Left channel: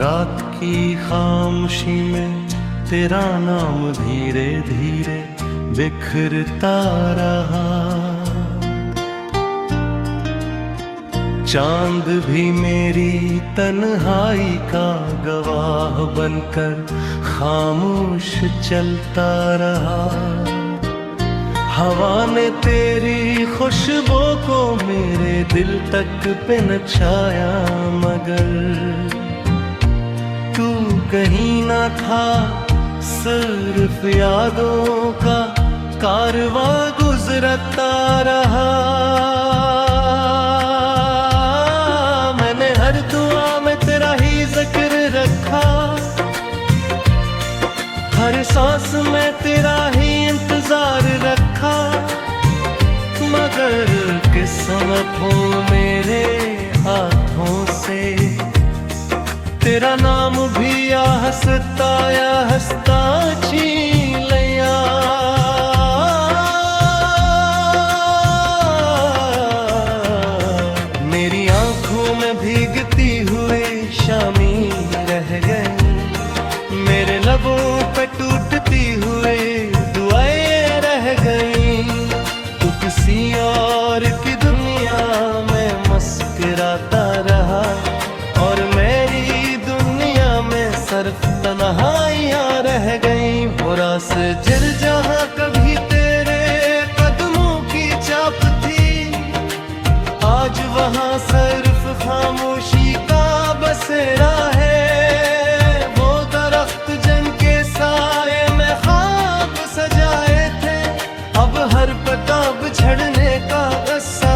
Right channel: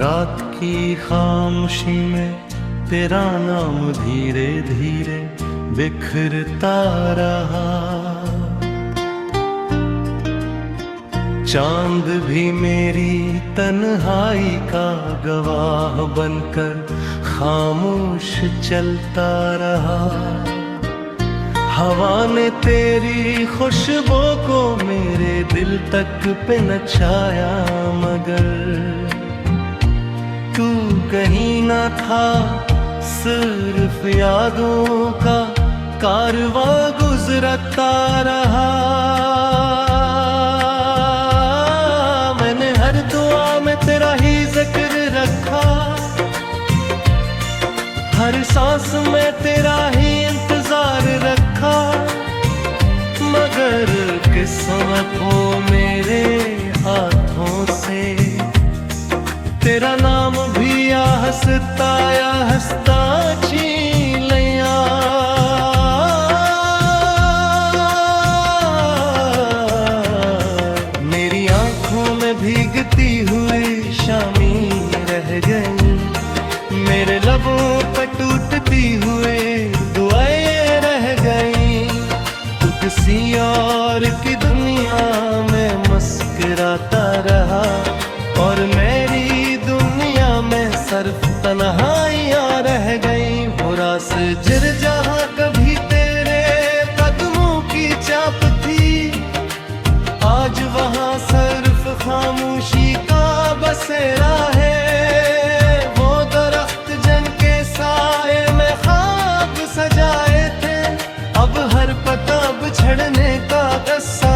रात की खामोशी में तेरा नाम धीरे धीरे बिखरता रहा। चांद भी मेरी तन्हाई का गवाह बनकर खामोश चलता रहा। हवा ने तेरी खुशबू को मेरे दिल तक पे नचाया, मगर तू कहीं ना था, सिर्फ यादों का कारवां गुजरता रहा। मैंने हर दुआ में तेरा ही जिक्र रखा, हर सांस में तेरा ही इंतजार रखा, मगर किस्मत हो मेरे हाथों से तेरा नाम भी या हंसता छीन लिया। मेरी आंखों में भीगती हुई शामी रह गई, मेरे लबों पे टूटती हुई दुआएं रह गई। तू किसी और की दुनिया में मुस्कुराता रहा और मेरी दुनिया में सिर्फ तन्हाइयां रह गई। वो रास्ते जिर जहां कभी तेरे कदमों की चाप थी, आज वहां सिर्फ खामोशी का बसेरा है। साए में ख्वाब सजाए थे, अब हर पताब छड़ने का किस्सा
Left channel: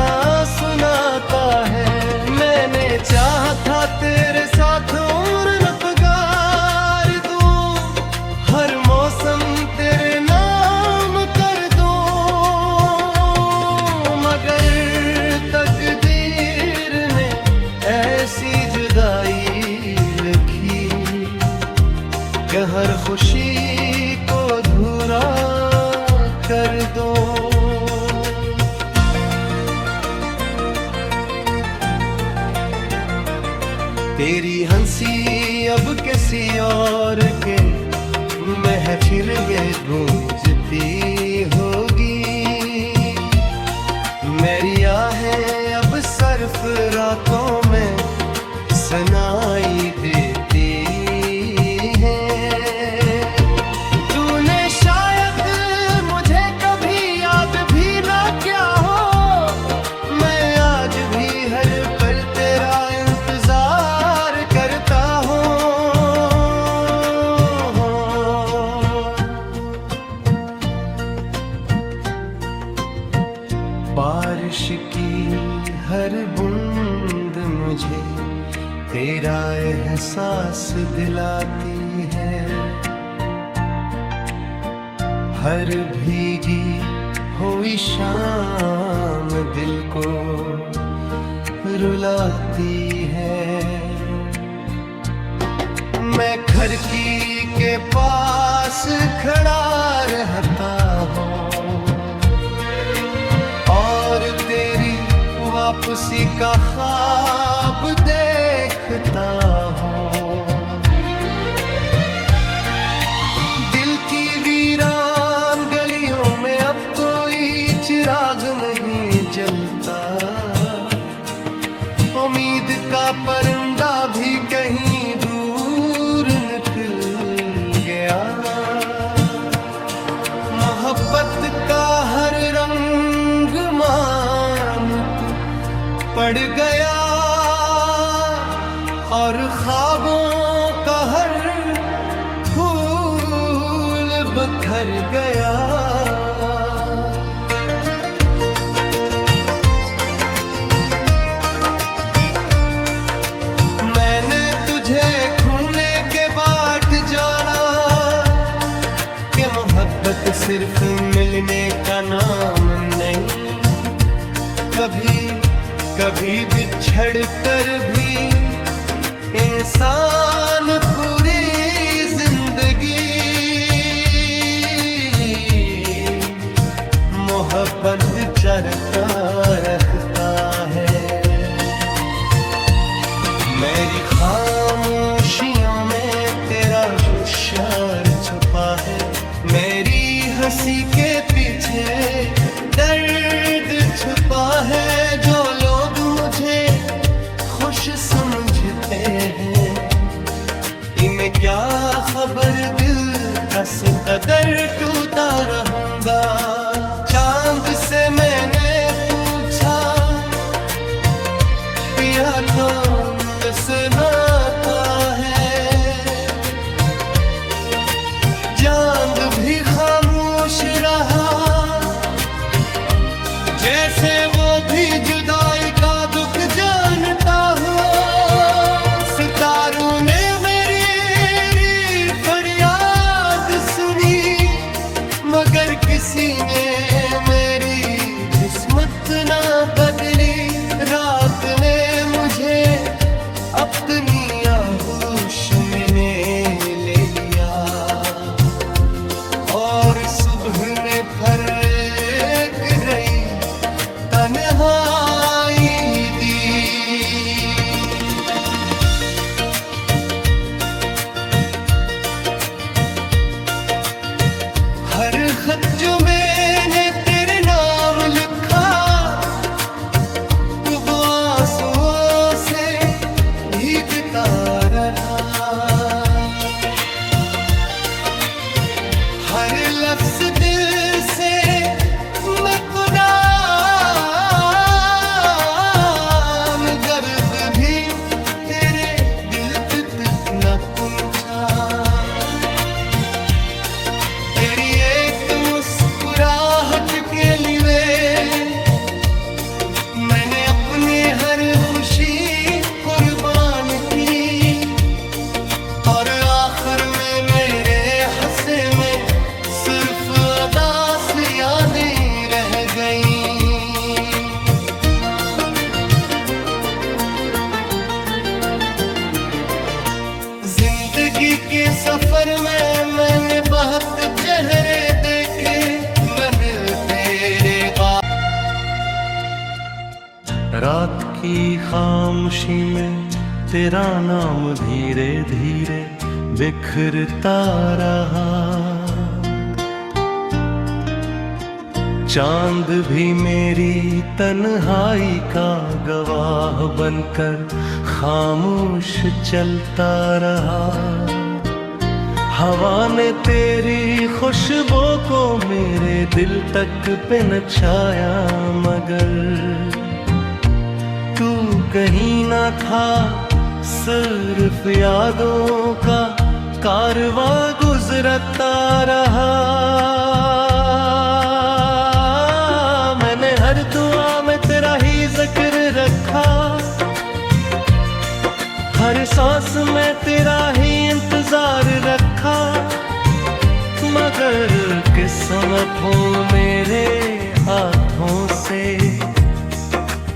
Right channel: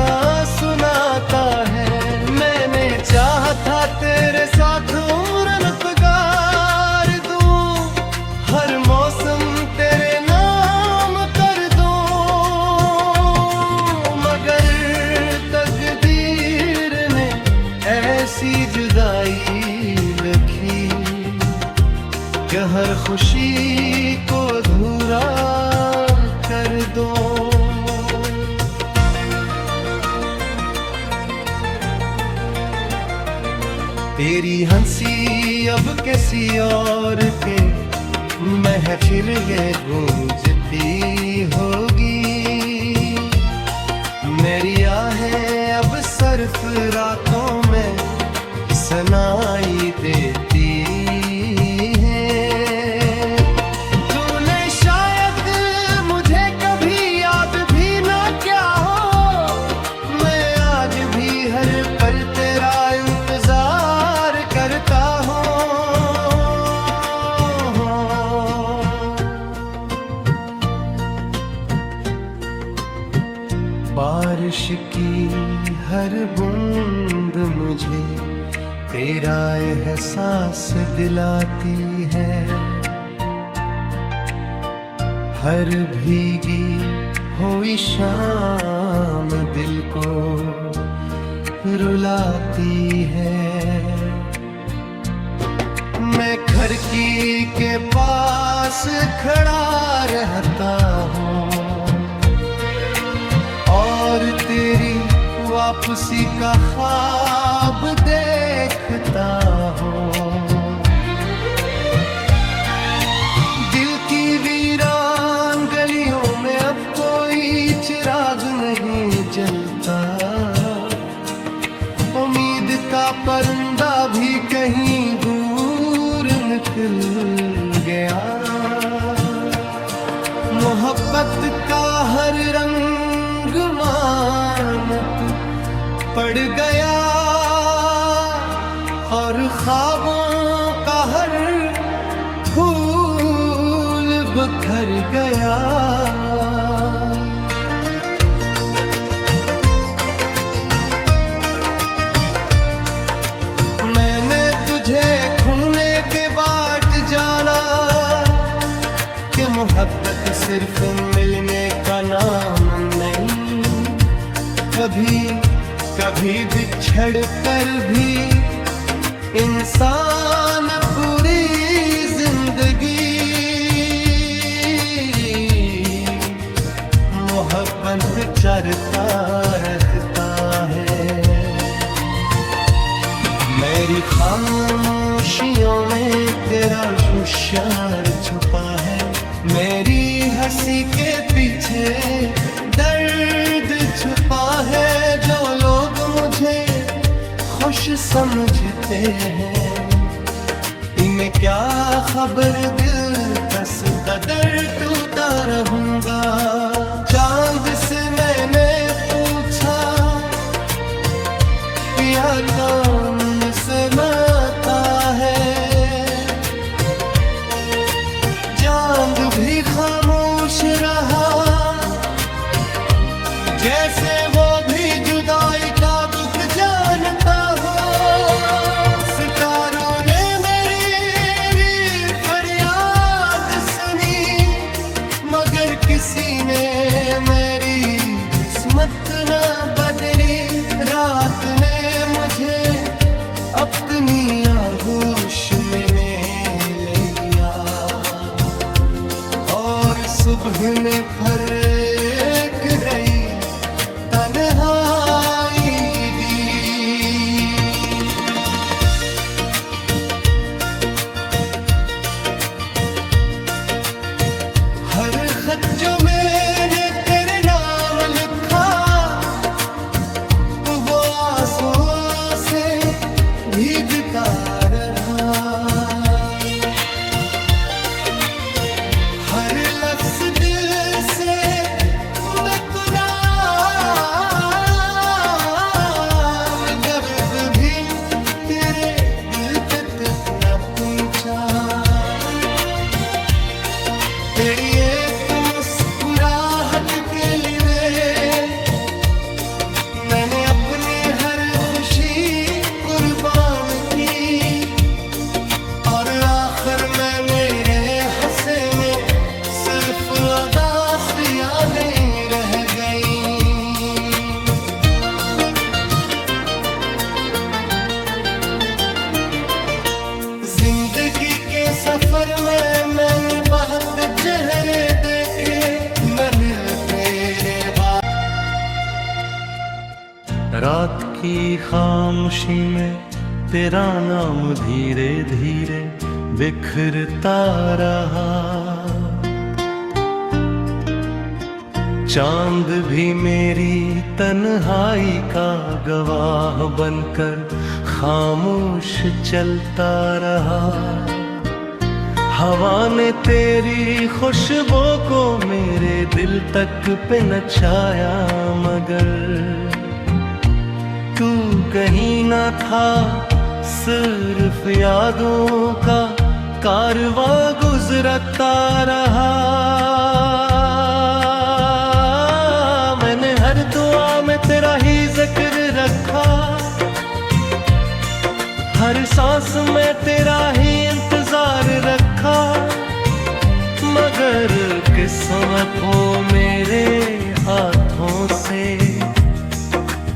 सुनाता है। मैंने चाहा था तेरे साथ उम्र गुज़ार दूं, हर मौसम तेरे नाम कर दूं, मगर तकदीर ने ऐसी जुदाई लिखी कि हर खुशी को अधूरा कर दो। तेरी हंसी अब किसी और के महफिल में गूंजती होगी, मेरी आहें अब सिर्फ रातों में सुनाई देती है। तूने शायद मुझे कभी याद भी ना किया हो, मैं आज भी हर पल तेरा इंतजार करता हूँ। बारिश की हर बूंद मुझे तेरा एहसास दिलाती है, हर भीगी हुई शाम दिल को रुलाती है। मैं खिड़की के पास खड़ा रहता हूँ और तेरी वापसी का ख्वाब देखता हूँ। दिल की वीरान गलियों में अब कोई चिराग नहीं जलता, उम्मीद का परिंदा भी कहीं दूर निकल गया। मोहब्बत का हर रंग मानत पड़ गया और ख्वाबों का हर फूल बिखर गया। मैंने तुझे खूने के बाट जाना कि मोहब्बत सिर्फ मिलने का नाम नहीं, कभी बिछड़ कर भी इंसान पूरी जिंदगी मोहब्बत चरता रखता है। मेरी खामोश खामोशियों में तेरा होशियार छुपा है। मेरी हंसी के पीछे दर्द छुपा है। जो लोग मुझे खुश समझते हैं, इन्हें क्या खबर दिल कस कदर टूटा रहूंगा। चांद से मैंने पूछा, पिया तो सुनाता है। चांद भी खामोश रहा, जैसे वो भी जुदाई का दुख जानता हो। सितारों ने मेरी फरियाद सुनी, मगर किसी ने मेरी किस्मत न बदली। रात ने मुझे अपनी आगोश में ले लिया, और सुबह ने फर्क रही तन्हाई दी। हर खत जो मैंने तेरे नाम लिखा, वो आंसुओं से भीगता रहा। हर लफ्ज दिल से मैं गुलाम, गर्द भी तेरे दिल पे तक न पहुंचा। तेरी एक मुस्कुराहट के लिए मैंने अपनी हर खुशी कुर्बान की, और आखिर में मेरे हंसे में सिर्फ अदास यादें रह गईं। जिंदगी के सफर में मैंने बहुत चेहरे देखे, मगर तेरे बाद। रात की खामोशी में तेरा नाम धीरे धीरे बिखरता रहा। चांद भी मेरी तन्हाई का गवाह बनकर खामोश चलता रहा। हवा ने तेरी खुशबू को मेरे दिल तक पे नचाया, मगर तू कहीं ना था। सिर्फ यादों का कारवां गुजरता रहा। मैंने हर दुआ में तेरा ही जिक्र रखा, हर सांस में तेरा ही इंतजार रखा। मगर किस्मत हो मेरे हाथों से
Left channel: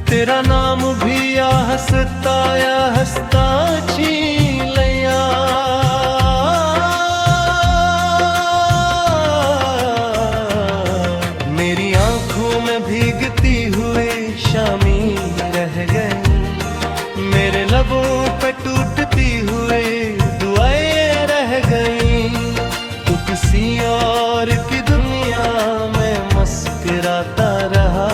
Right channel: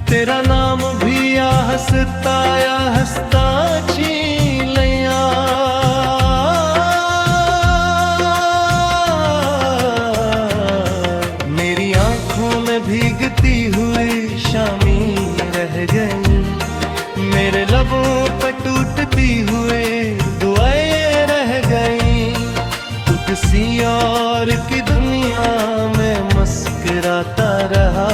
तेरा नाम भी या हंसता छीन लिया। मेरी आंखों में भीगती हुई शामी रह गई, मेरे लबों पे टूटती हुई दुआएं रह गई। तू किसी और की दुनिया में मुस्कुराता रहा,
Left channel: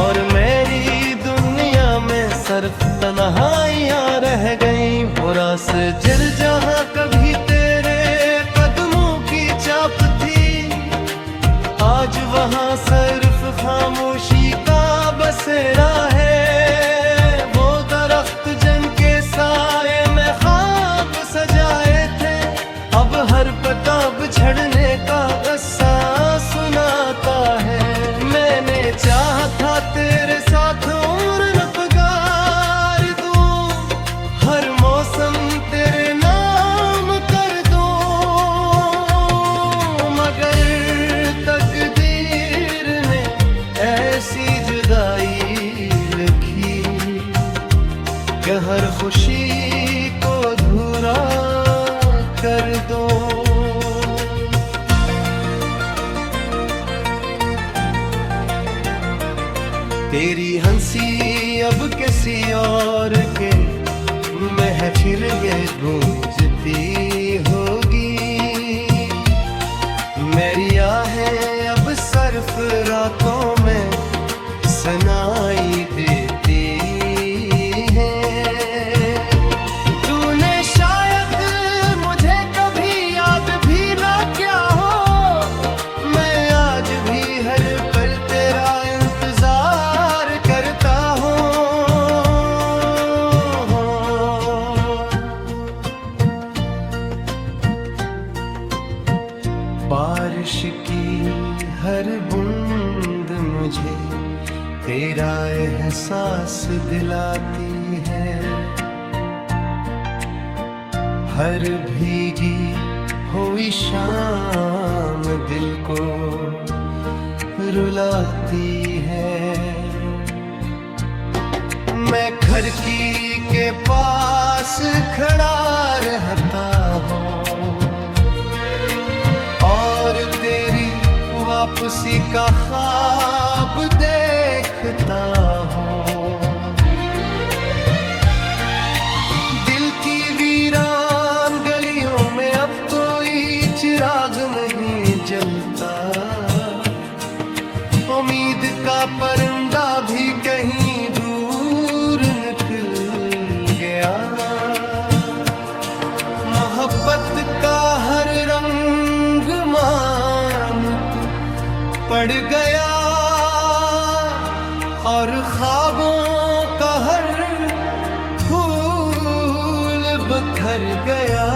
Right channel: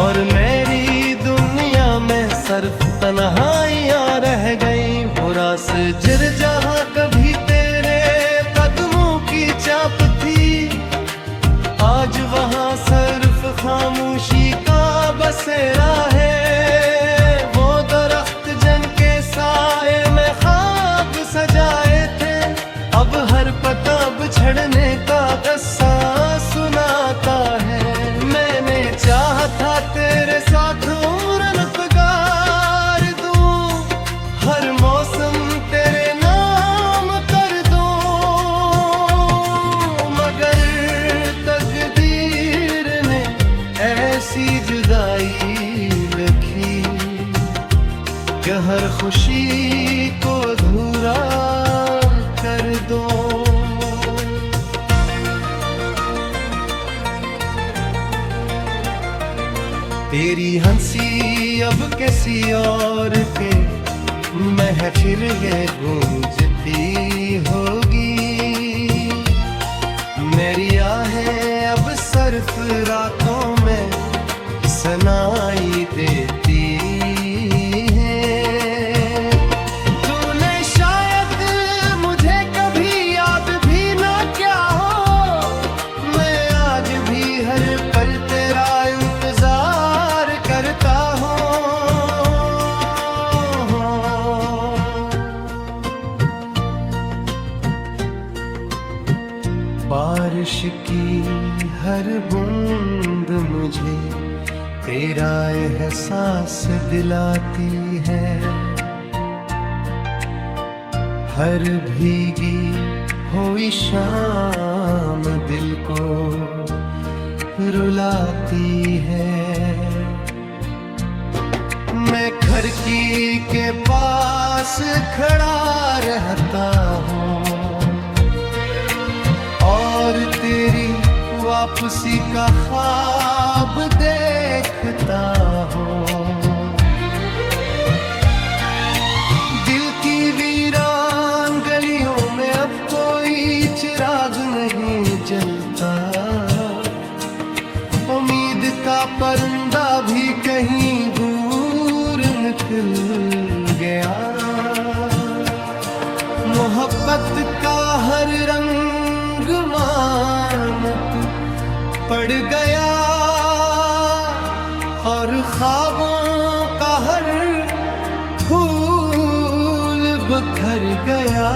और मेरी दुनिया में सिर्फ तन्हाइयां रह गई। वो रास जिर जहां कभी तेरे कदमों की चाप थी, आज वहां सिर्फ खामोशी का बसेरा है। वो दरख्त जन के साए में ख्वाब सजाए थे, अब हर पता बिछड़ने का किस्सा सुनाता है। मैंने चाहा था तेरे साथ उम्र गुज़ार दूं, हर मौसम तेरे नाम कर दूं, मगर तकदीर ने ऐसी जुदाई लिखी कि हर खुशी को अधूरा कर दो। तेरी हंसी अब किसी और के महफिल ये गूंजती होगी, मेरी आहें अब सिर्फ रातों में सुनाई देती हैं। तूने शायद मुझे कभी याद भी ना किया हो, मैं आज भी हर पल तेरा इंतजार करता हूँ। बारिश की हर बूंद मुझे तेरा एहसास दिलाती है, हर भीगी हुई शाम दिल को रुलाती है। मैं खिड़की के पास खड़ा रहता हूँ और तेरी वापसी का ख्वाब देखता हूँ। दिल की वीरान गलियों में अब कोई चिराग नहीं जलता, उम्मीद का परिंदा भी कहीं दूर निकल गया। मोहब्बत का हर रंग मानत पड़ गया और ख्वाबों का हर फूल बिखर गया।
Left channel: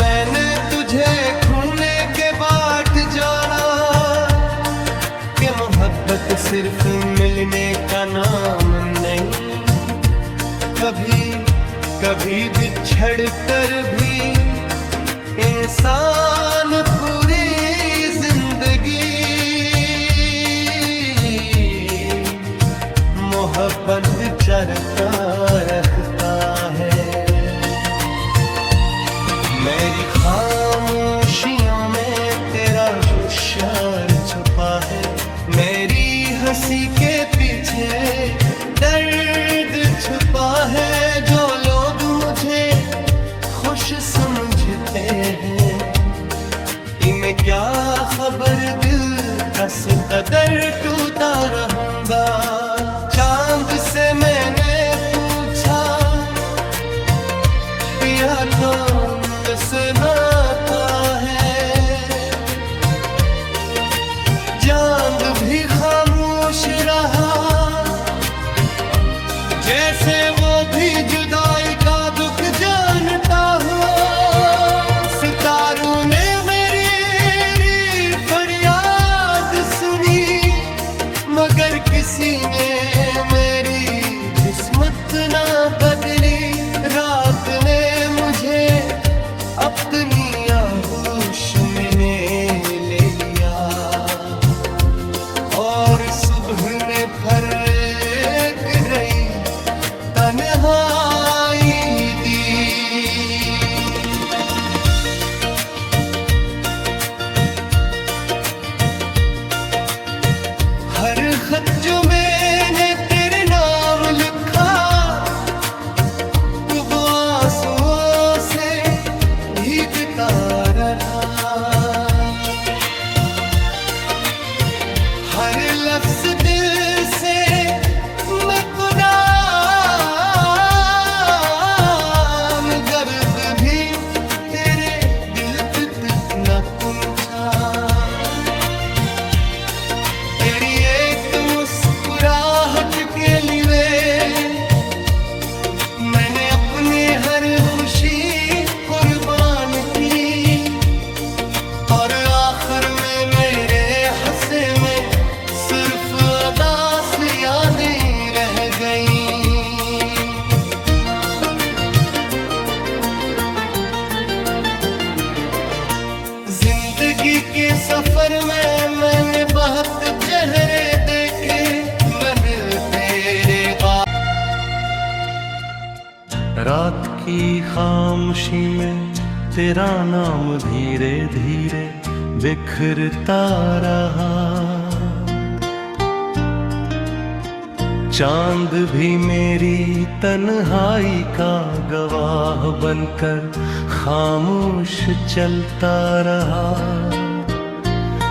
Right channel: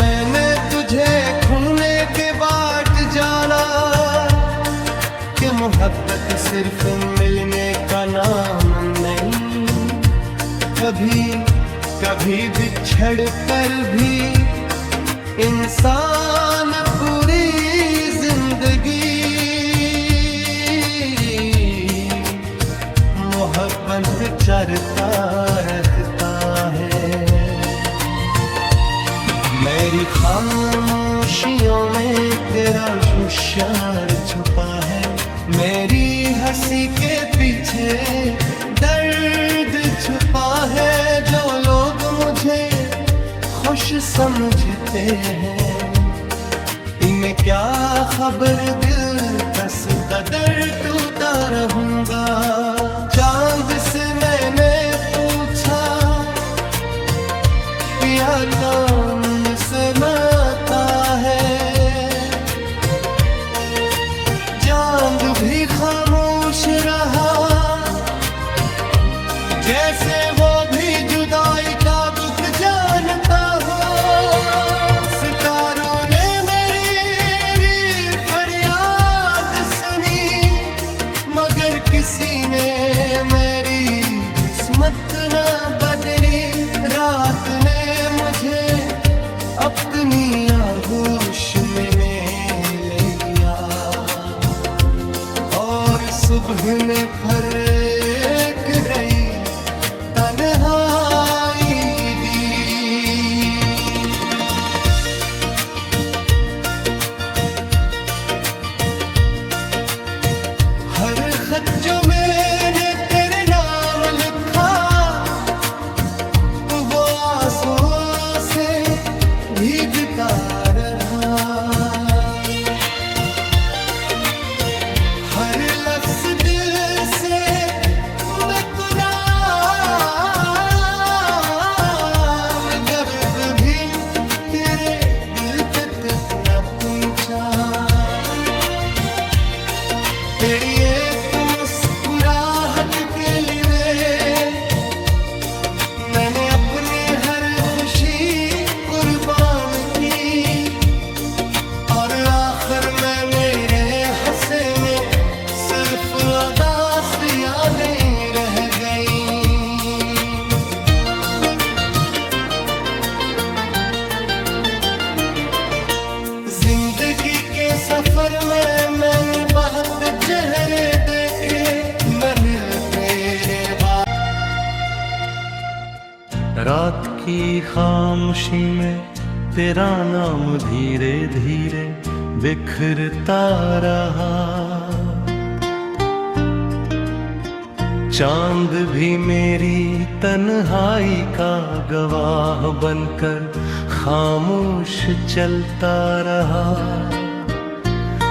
मैंने तुझे खूने के बाट जाना कि मोहब्बत सिर्फ मिलने का नाम नहीं, कभी कभी बिछड़ कर भी इंसान पूरी जिंदगी मोहब्बत चरता रखता है। मेरी खामोशियों में तेरा होशियार छुपा है, मेरी हंसी के पीछे दर्द छुपा है। जो लोग मुझे खुश समझते हैं, इन्हें क्या खबर दिल कस कदर टूटा रहूंगा। चांद से मैंने पूछा पिया तो सुनाता है, चांद भी खामोश रहा जैसे वो भी जुदाई का दुख जानता हो। सितारों ने मेरी फरियाद सुनी मगर किसी ने मेरी किस्मत ना बदली। रात ने मुझे अपनी आगोश में ले लिया और सुबह ने फर्क रही तन्हाई दी। हर खत जो मैंने तेरे नाम लिखा वो आंसुओं से भीगता रहा। हर लफ्ज दिल से मैं गुनाह गर्द भी तेरे दिल पे न पहुंचा। तेरी एक मुस्कुराहट के लिए मैंने अपने हर खुशी कुर्बान की और आखिर में मेरे हंसे में सिर्फ अदास यादें रह गईं। जिंदगी के सफर में मैंने बहुत चेहरे देखे, मैं मिल तेरे बाद। रात की खामोशी में तेरा नाम धीरे धीरे बिखरता रहा। चांद भी मेरी तन्हाई का गवाह बनकर खामोश चलता रहा।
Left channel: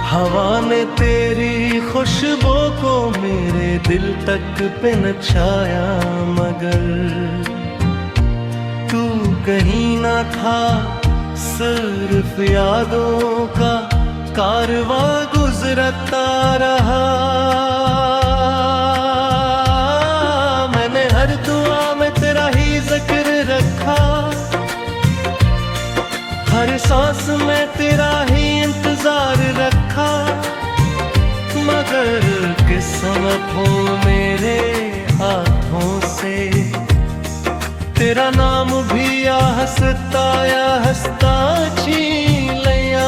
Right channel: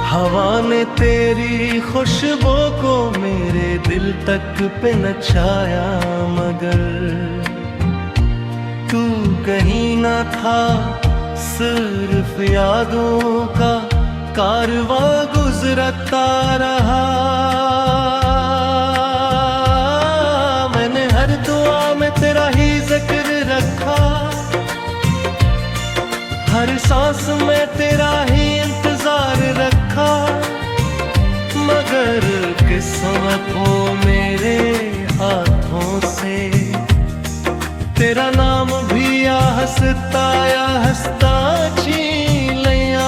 हवा ने तेरी खुशबू को मेरे दिल तक पे नचाया, मगर तू कहीं ना था, सिर्फ यादों का कारवां गुजरता रहा। मैंने हर दुआ में तेरा ही जिक्र रखा, हर सांस में तेरा ही इंतजार रखा, मगर किस्मत हो मेरे हाथों से तेरा नाम भी या हंसता छीन लिया।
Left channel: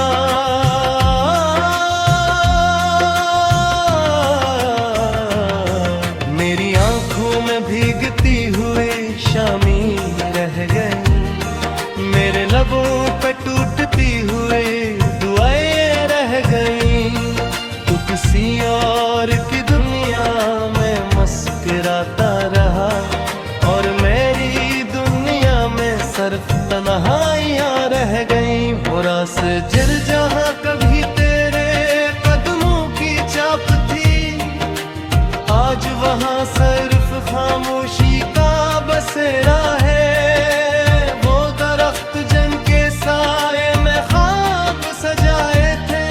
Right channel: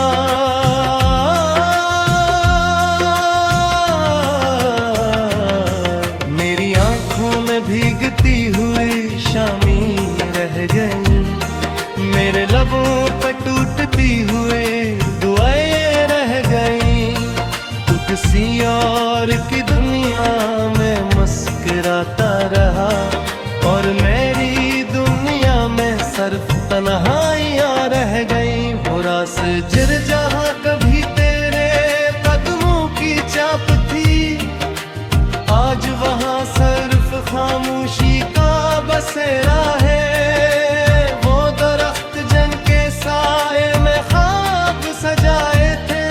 मेरी आंखों में भीगती हुई शामी रह गई, मेरे लबों पे टूटती हुए दुआएं रह गईं। तू किसी और की दुनिया में मुस्कुराता रहा, और मेरी दुनिया में सिर्फ तन्हाइयां रह गईं। वो रास्ते जहां कभी तेरे कदमों की चाप थी, आज वहां सिर्फ खामोशी का बसेरा है। साए में ख्वाब सजाए थे,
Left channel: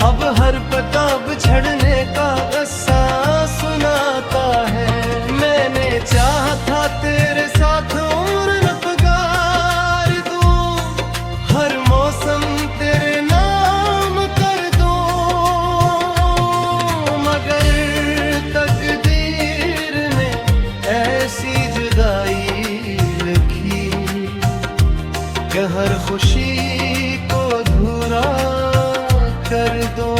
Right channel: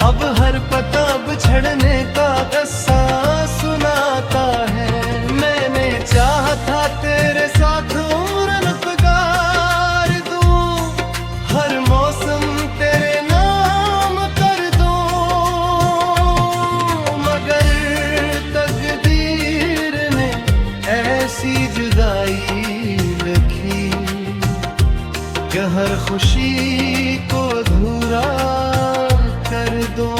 अब हर पता बिछड़ने का किस्सा सुनाता है। मैंने चाहा था तेरे साथ उम्र गुजार दूं, हर मौसम तेरे नाम कर दूं, मगर तकदीर ने ऐसी जुदाई लिखी कि हर खुशी को अधूरा कर दो।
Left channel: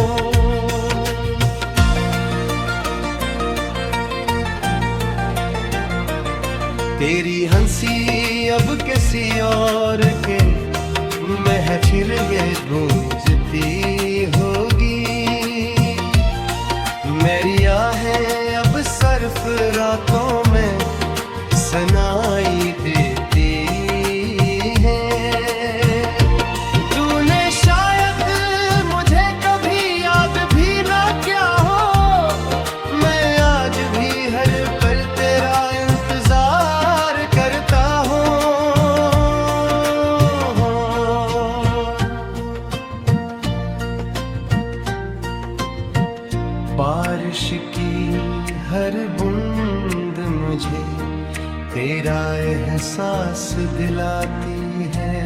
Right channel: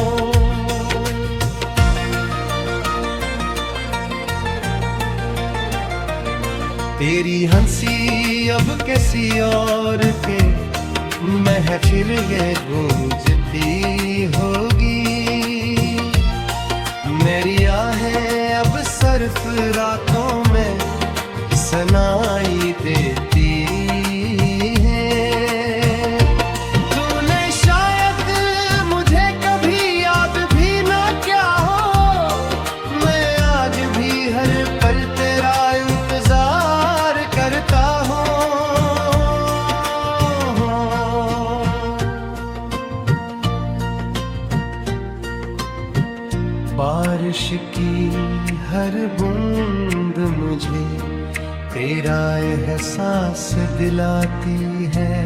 तेरी हंसी अब किसी और के महफिल ये गूंजती होगी, मेरी आहें अब सिर्फ रातों में सुनाई देती। बारिश की हर बूंद मुझे तेरा एहसास दिलाती है,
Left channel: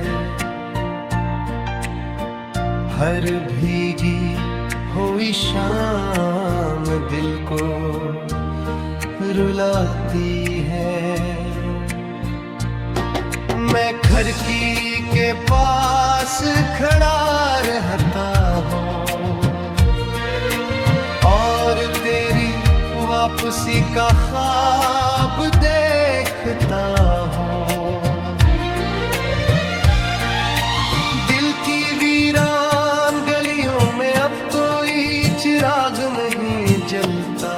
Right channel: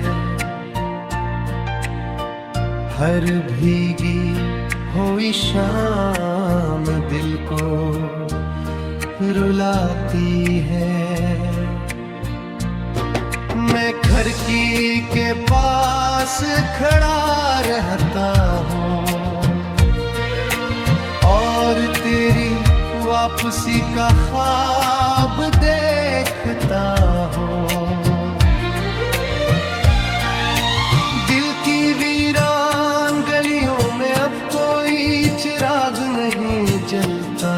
हर भीगी हुई शाम दिल को रुलाती है। मैं खिड़की के पास खड़ा रहता हूँ और तेरी वापसी का ख्वाब देखता हूँ। दिल की वीरान गलियों में अब कोई चिराग नहीं जलता,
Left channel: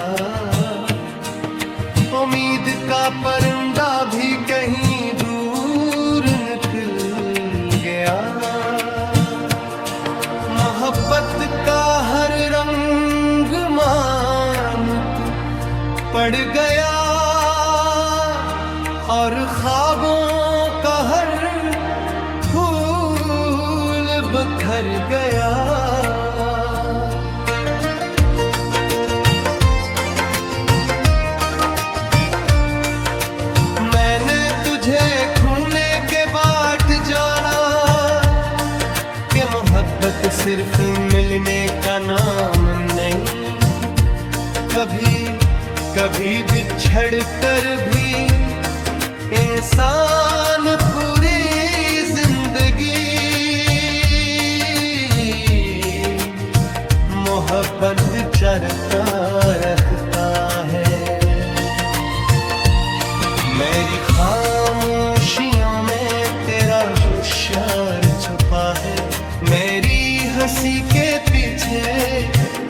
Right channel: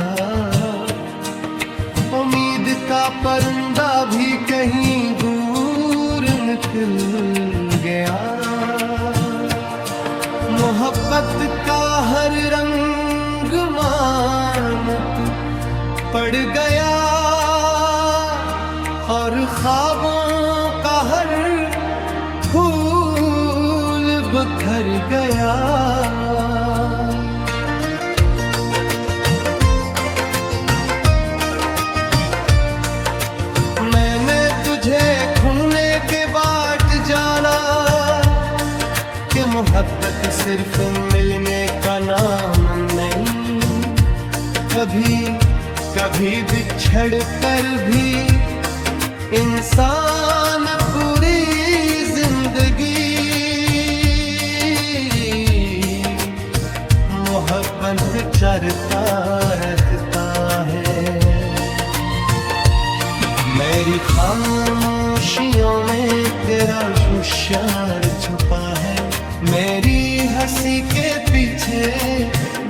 उम्मीद का परिंदा भी कहीं दूर निकल गया। मोहब्बत का हर रंग मानत पड़ गया और ख्वाबों का हर फूल बिखर गया। मैंने तुझे खूने के बाट जाना कि मोहब्बत सिर्फ मिलने का नाम नहीं, कभी कभी बिछड़ कर भी इंसान पूरी जिंदगी मोहब्बत चरता रखता है। मेरी खामोशियों में तेरा होशियार छुपा है, मेरी हंसी के पीछे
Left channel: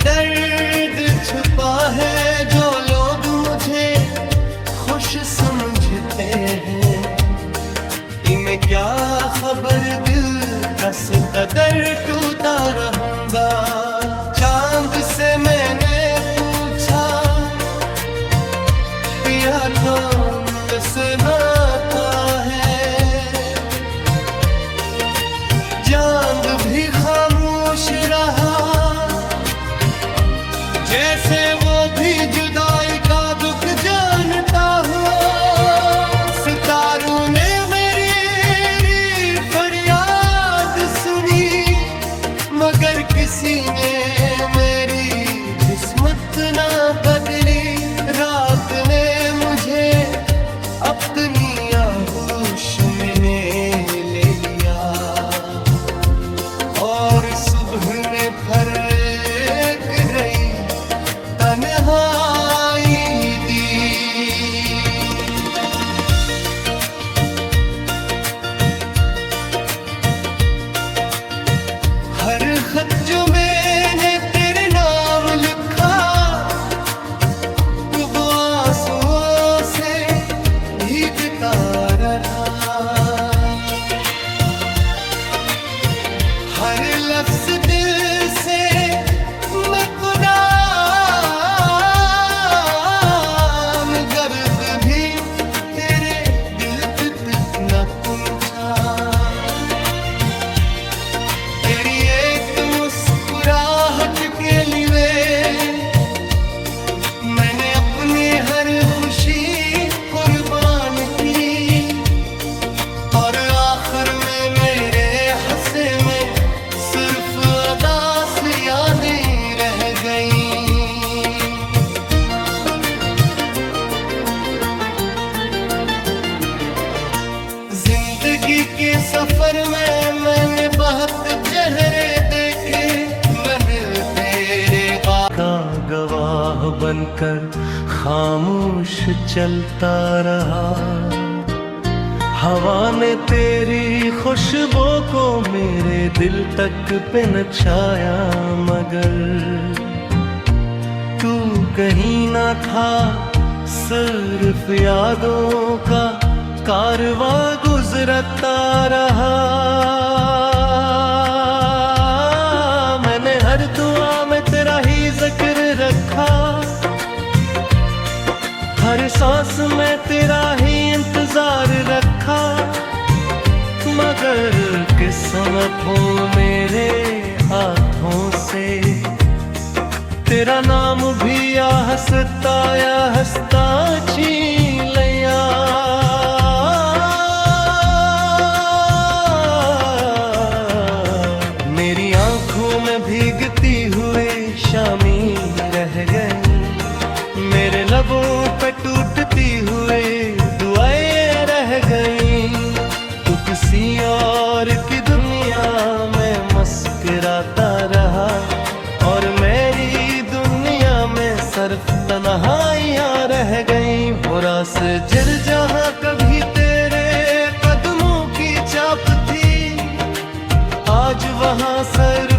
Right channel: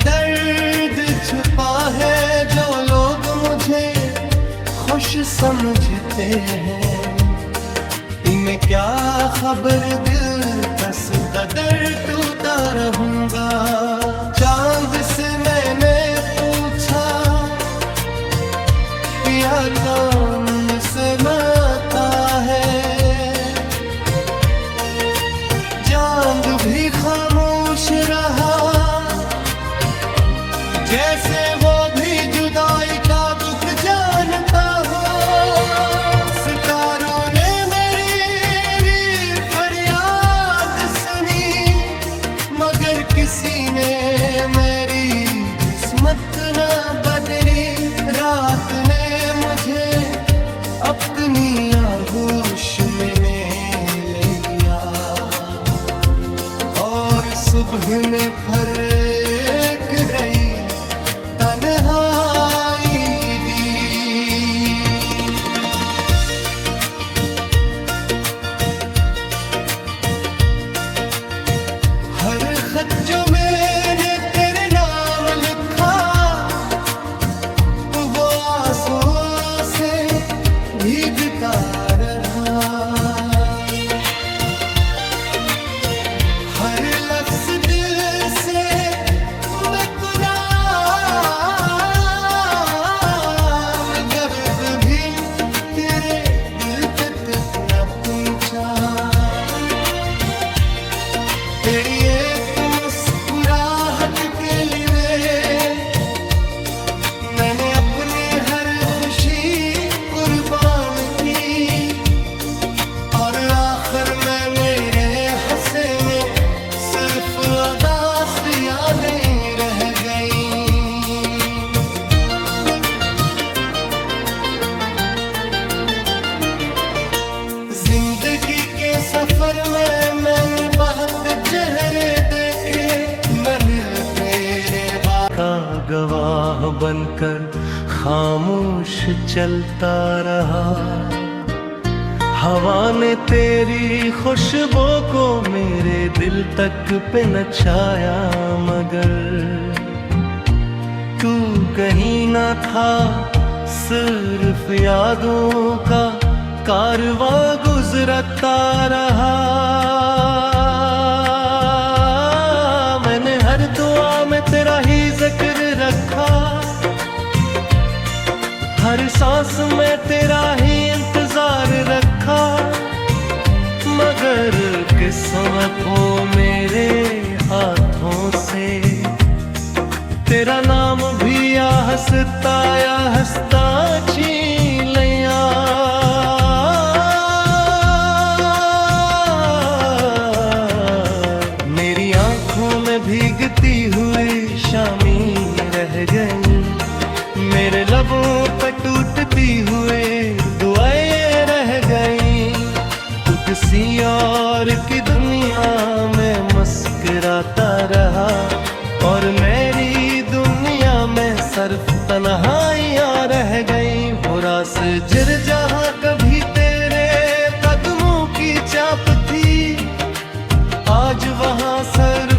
दर्द छुपा है, जो लोग मुझे खुश समझते हैं इन्हें क्या खबर, दिल कस कदर टूटा रहूंगा। चांद से मैंने पूछा पिया तो मुझसे नाता है, चांद भी खामोश रहा, जैसे वो भी जुदाई का दुख जानता हो। सितारों ने मेरी फरियाद सुनी, मगर किसी ने मेरी किस्मत न बदली। रात ने मुझे अपनी आगोश में ले लिया, और सुबह ने फर्क रही तन्हाई दी। हर खत जो मैंने तेरे नाम लिखा, वो आंसुओं से भीगता रहा। हर लफ्ज दिल से मैं कुरान, गर्द भी तेरे दिल तक न पहुंचा। तेरी एक मुस्कुराहट के लिए मैंने अपनी हर खुशी कुर्बान की, और आखिर में मेरे हंसे में सिर्फ अदास यादें रह गईं। जिंदगी के सफर में मैंने बहुत चेहरे देखे, मैं मिल तेरे का गवाह बनकर खामोश चलता रहा। हवा ने तेरी खुशबू को मेरे दिल तक पे नचाया, मगर तू कहीं ना था, सिर्फ यादों का कारवां गुजरता रहा। मैंने हर दुआ में तेरा ही जिक्र रखा, हर सांस में तेरा ही इंतजार रखा, मगर किस्मत हो मेरे हाथों से तेरा नाम भी या हंसता छीन लिया। मेरी आंखों में भीगती हुई शामी रह गई, मेरे लबों पे टूटती हुए दुआएं रह गई। तू किसी और की दुनिया में मुस्कुराता रहा, और मेरी दुनिया में सिर्फ तन्हाइयां रह गई। वो रास जिर जहां कभी तेरे कदमों की चाप थी, आज वहां सर